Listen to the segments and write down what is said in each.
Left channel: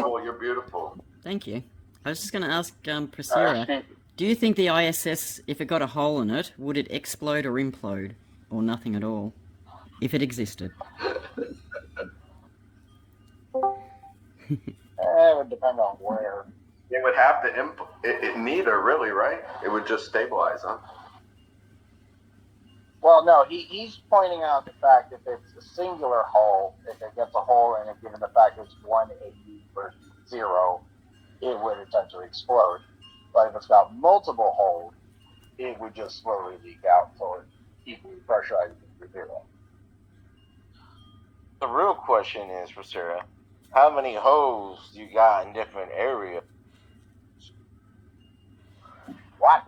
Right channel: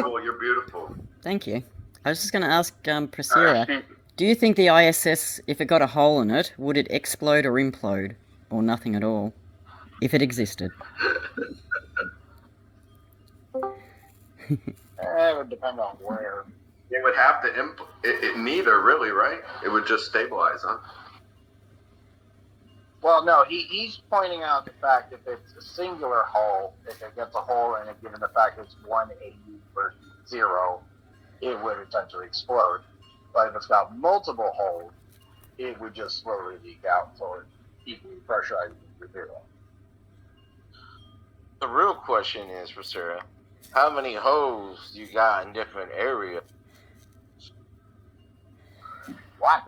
Trouble, you're beautiful. Thank you. I was just going to ask Pressera, do you think the ISS, if it got a hole in it, would it explode or implode? Or nothing at all? If it existed? It would depend on where. It would have to neither, really, right? It would just stabilize, huh? Well, no, he's pointing out the fact if it's a singular hole, if it gets a hole in it, given the fact it's 180 versus 0, it would essentially explode. But if it's got multiple holes, it would just slowly leak out until it's equally pressurized to 0. The real question is, for Sarah, how many holes you got in different areas? What?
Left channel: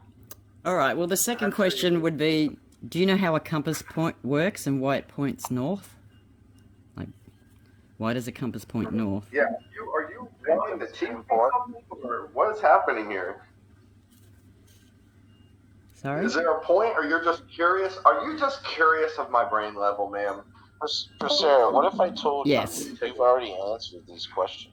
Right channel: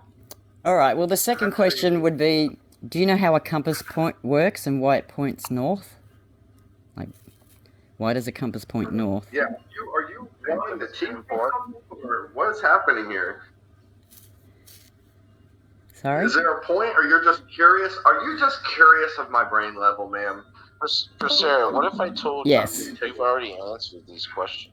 All right, well, the second question would be, do you know how a compass point works and why it points north? Like, why does a compass point north? Yeah, are you wanting to teach or what is happening here? Sorry? Is there a point, or you're just curious? Are you just curious of my brain level, ma'am? For Sarah, what if I told Yes. you you've already answered these questions?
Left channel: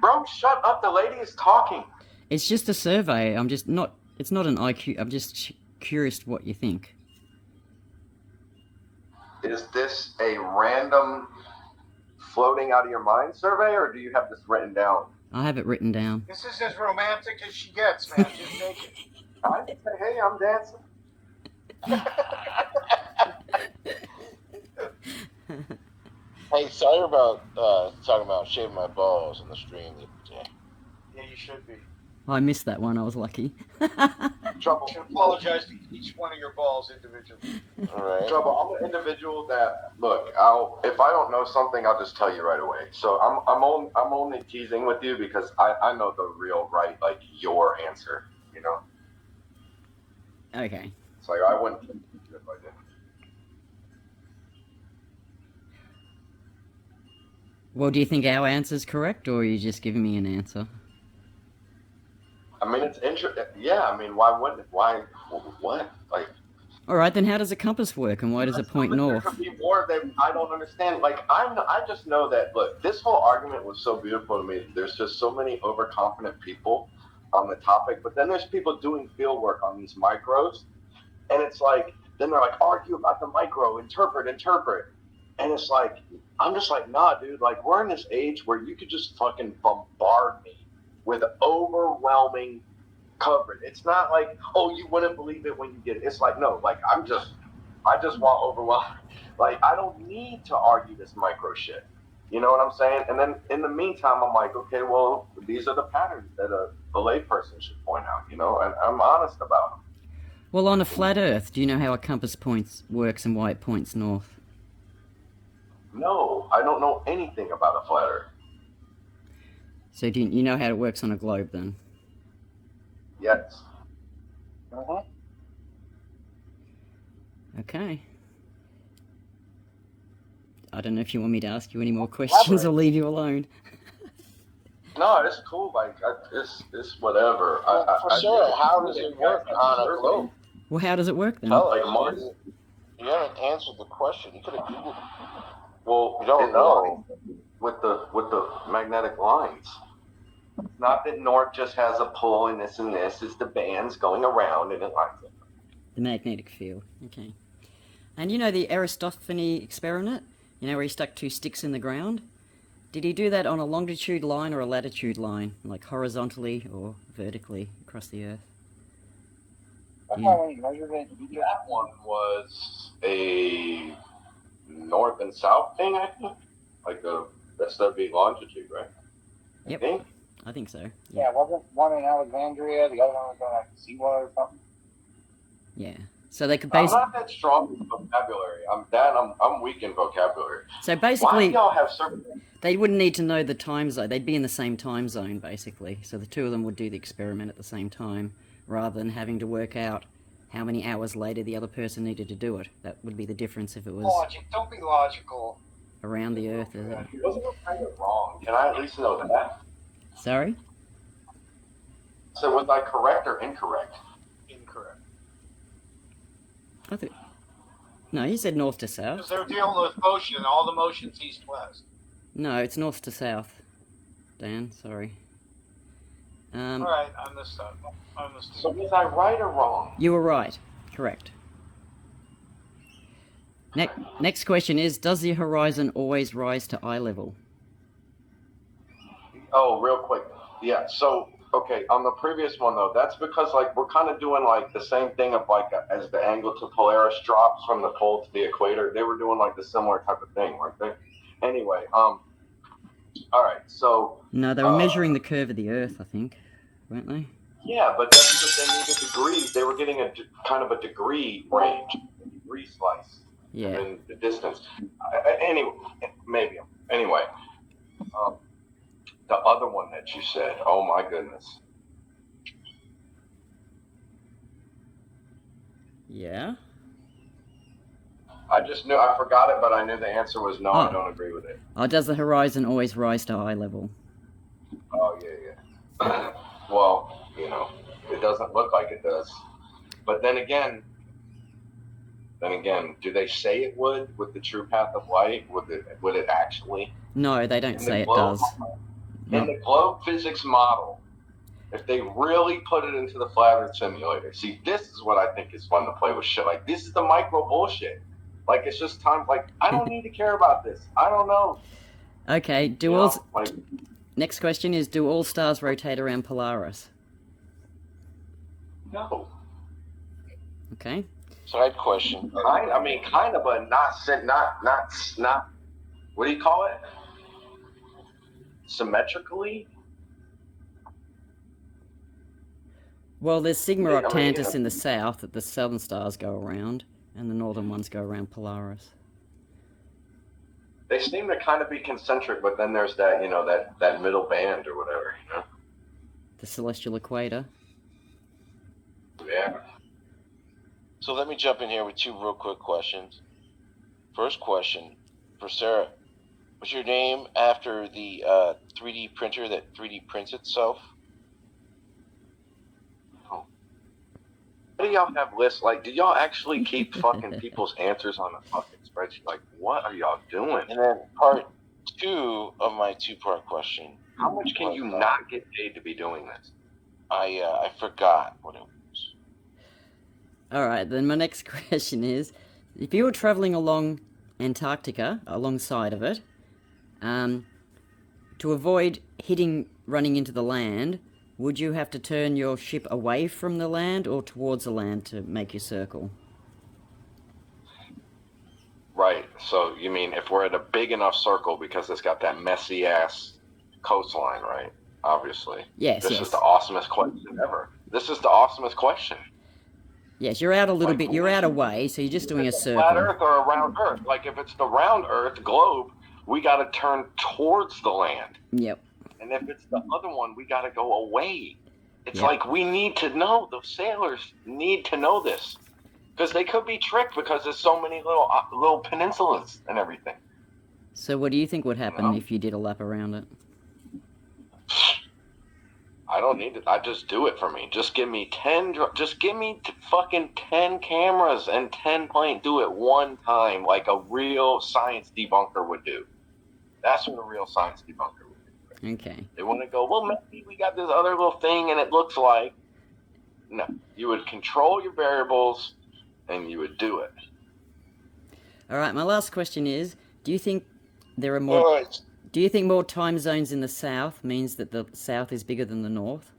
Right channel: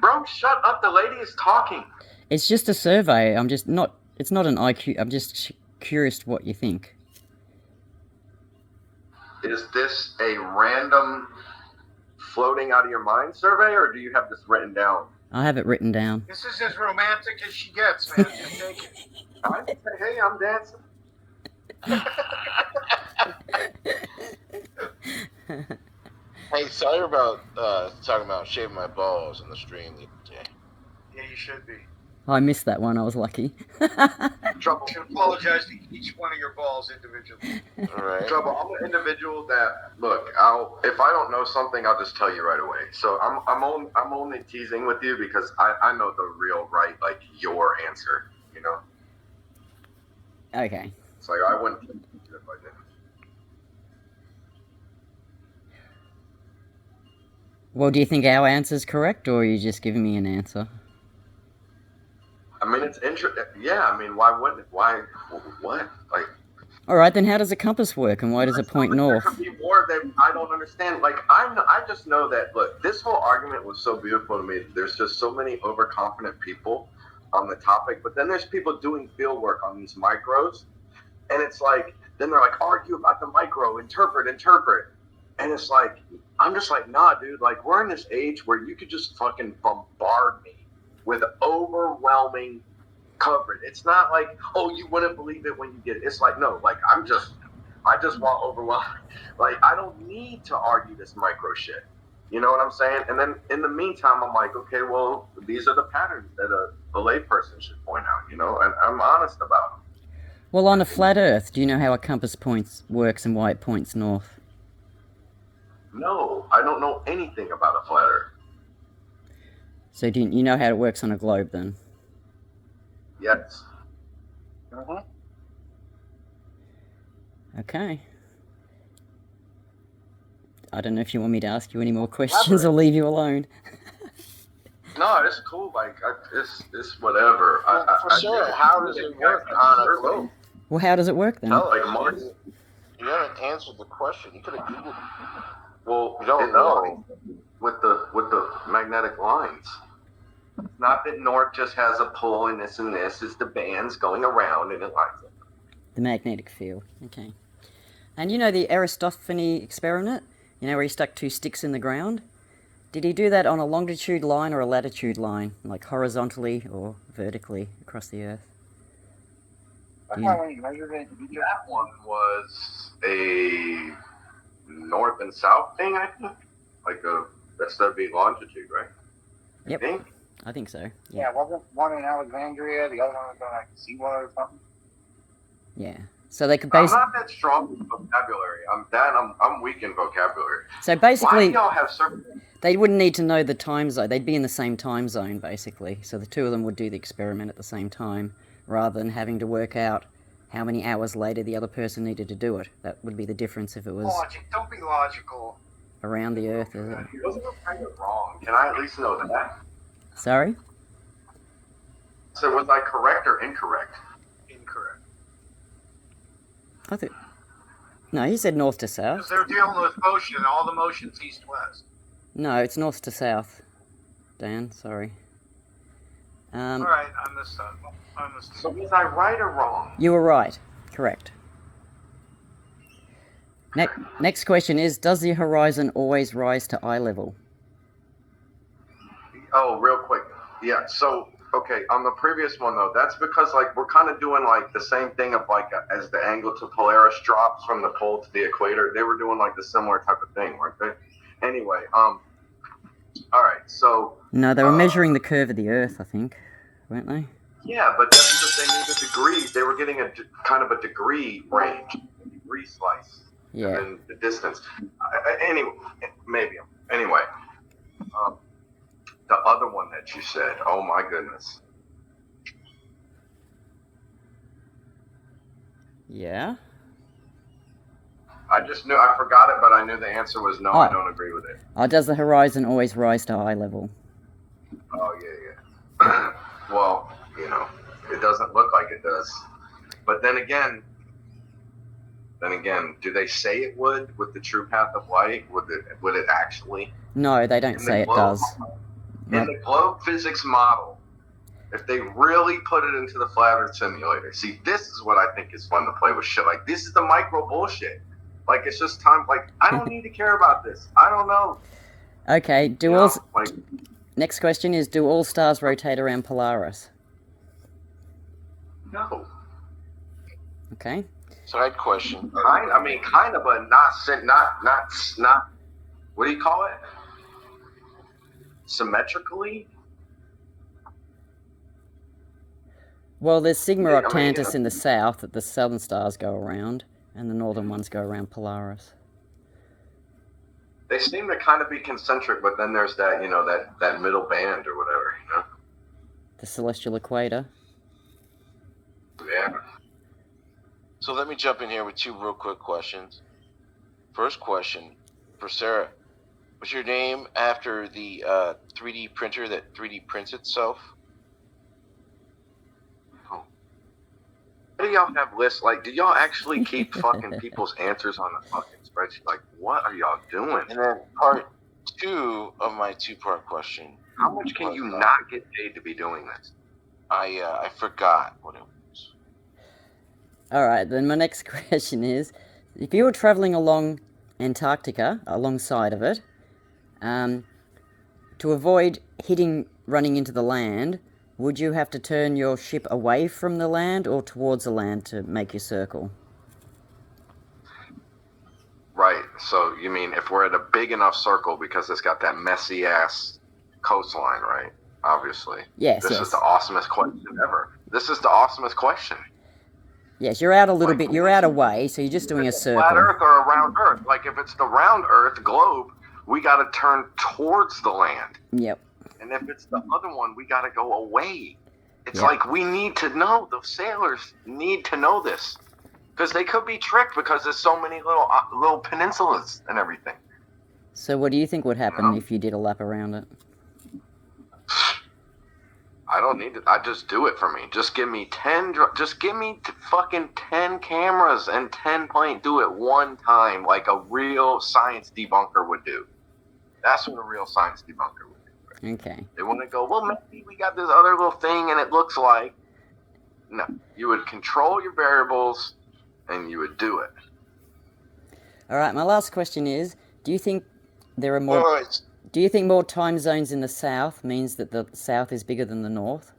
Bro, shut up. The lady is talking. It's just a survey. It's not an IQ. I'm just curious what you think. Is this a random floating out of your mind survey, or do you have this written down? I have it written down. This is as romantic as she gets, man. Just take it. Hey, I'm dancing. Hey, sorry about talking about shaving my balls on the stream the other day. Yeah, you should be. I missed that one. I was lucky. Trouble. You should apologize to each one of your balls individually. All right. Trouble. I'm an individual that if I don't know something, I'll just tell you right away. So I'm only teasing with you because I know the real right, like, your answer. You know. Okay. It's like I wouldn't think if I didn't. Well, do you think our answer's correct, or are you just giving me an answer? I mean, it's interesting. Yeah, I mean, why wouldn't it? Why? What? Like. All right, then how does a compass work, and why does it point north? There could be more that I don't understand. Like, I just know that. Look, this whole argument was so beautiful to me. There's just so many overconfident people on the topic, but then there's people doing field work on these micros, and it's like, then they're like, argue about the micro, interpret, and it's like, I'm just like, nah, dude. Like, we're in this age where you could just fucking bombard me with overwhelming coverage. It's not like, oh, you wouldn't believe it when you get it. It's like, no, like, I just want overwhelming. Like, I don't need to argue this micro shit. You know what I'm saying? And then in the meantime, I'm like, okay, well, these are the patterns that a layperson should point out, you know, and I'm honest about them. Well, on a flat Earth, do you know how a compass works and why it points north? No, I don't know anything about a flat Earth. So do you know how it works on a globe, then? Yes. Uh-huh. Okay. I don't know if you want me to ask you any more questions or leave you alone. No, it's cool. Like, it's whatever. For Sarah, how does it work on a globe? Well, how does it work, then? Like Mars. You haven't answered the question. You could have Googled it. Well, You don't know. With the magnetic lines. It's not that North just has a pull and this. It's the bands going around and it lines up. The magnetic field. Okay. And you know the Aristophanes experiment? You know where he stuck 2 sticks in the ground? Did he do that on a longitude line or a latitude line? Like horizontally or vertically across the Earth? That's how we measured it. That one was a north and south thing, I think. Like that's that'd be longitude, right? Yep. I think so. Yeah, wasn't one in Alexandria, the other one was on like Seawater or something? Yeah. So they could I'm basically... not that strong with vocabulary. I'm weak in vocabulary. So basically... Why do y'all have certain... They wouldn't need to know the time zone. They'd be in the same time zone, basically. So the two of them would do the experiment at the same time, rather than having to work out how many hours later the other person needed to do it. That would be the difference if it was Logic. Don't be logical. around the Earth. Is it? Wasn't it kind of wrong? Can I at least know that? Sorry? So was I correct or incorrect? Incorrect. I think... No, you said north to Because south. they're dealing with motion, all the motion's east-west. No, it's north to south. Dan. Sorry. All right, I messed up. So was I right or wrong? You were right. Correct. Next question is, does the horizon always rise to eye level? Oh, real quick. Yeah. So, okay, on the previous one though, that's because like we're kind of doing like the same thing of like as the angle to Polaris drops from the pole to the equator. They were doing like the similar type of thing, weren't they? Anyway, all right. So. No, they were measuring the curve of the Earth, I think, weren't they? Yeah, but that's because they needed degrees. They were getting a kind of a degree range, a degree slice. Yeah. In the distance. Anyway, maybe. Anyway, the other one that you said, oh my goodness. Yeah. I just knew, I forgot it, but I knew the answer was no, I don't agree with it. Oh, does the horizon always rise to eye level? Oh, yeah. Well, you know, it doesn't look like it does. But then again, do they say it would with the true path of light? Would it actually? No, they don't say it does. In the globe physics model, if they really put it into the flat Earth simulator, see, this is what I think is fun to play with shit. Like, this is the micro bullshit. Like, it's just time. Like, I don't need to care about this. I don't know. Okay. Next question is: do all stars rotate around Polaris? No. Okay. Side question. I mean, kind of, but not. What do you call it? Symmetrically. Well, there's Sigma Octantis in the south that the southern stars go around, and the northern ones go around Polaris. They seem to kind of be concentric, but then there's that, that middle band or whatever, The celestial equator. Yeah. So let me jump in here with two real quick questions. First question, Pressera, was your name after the 3D printer that 3D prints itself? Why do y'all have lists? Like, do y'all actually keep fucking people's answers on a fucking spreadsheet? Like, what are y'all doing? And then part two of my two-part question. How much can you not get paid to be doing this? I forgot what it was. All right, then my next question is, if you were traveling along Antarctica, alongside of it, to avoid running into the land, would you have to turn your ship away from the land or towards the land to make your circle? Right. So you mean if we're at a big enough circle because it's got that messy ass coastline, right? Obviously. Yes. This is the awesomest question ever. This is the awesomest question. Yes, you're out a little bit. You're out away, so you're just doing a circle. Flat Earth or a round Earth? Like if it's the round Earth globe, we got to turn towards the land. Yep. And if it's the other one, we got to go away. It's like we need to know. The sailors need to know this because they could be tricked because there's so many little peninsulas and everything. So what do you think would happen if you did a lap around it? I don't need it. I just do it for me. Just give me 10. Just give me fucking 10 cameras and 10 planes. Do it one time, like a real science debunker would do. That's what a real science debunker would do. Right? Okay. They want to go, well, maybe we got this other little thing, and it looks like. No, you would control your variables, and you would do it. All right. My last question is: do you think there are more? Do you think more time zones in the south means that the south is bigger than the north?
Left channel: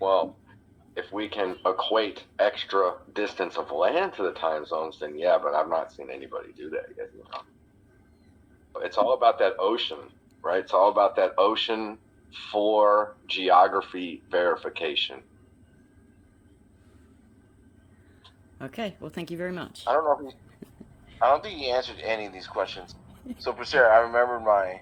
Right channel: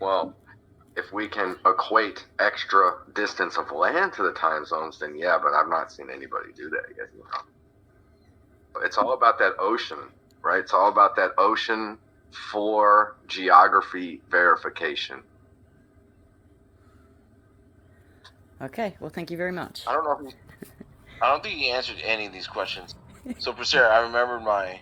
Well, if we can equate extra distance of land to the time zones, then yeah, but I've not seen anybody do that yet. It's all about that ocean, right? It's all about that ocean for geography verification. Okay, well, thank you very much. I don't think he answered any of these questions. So, Pressera, I remembered my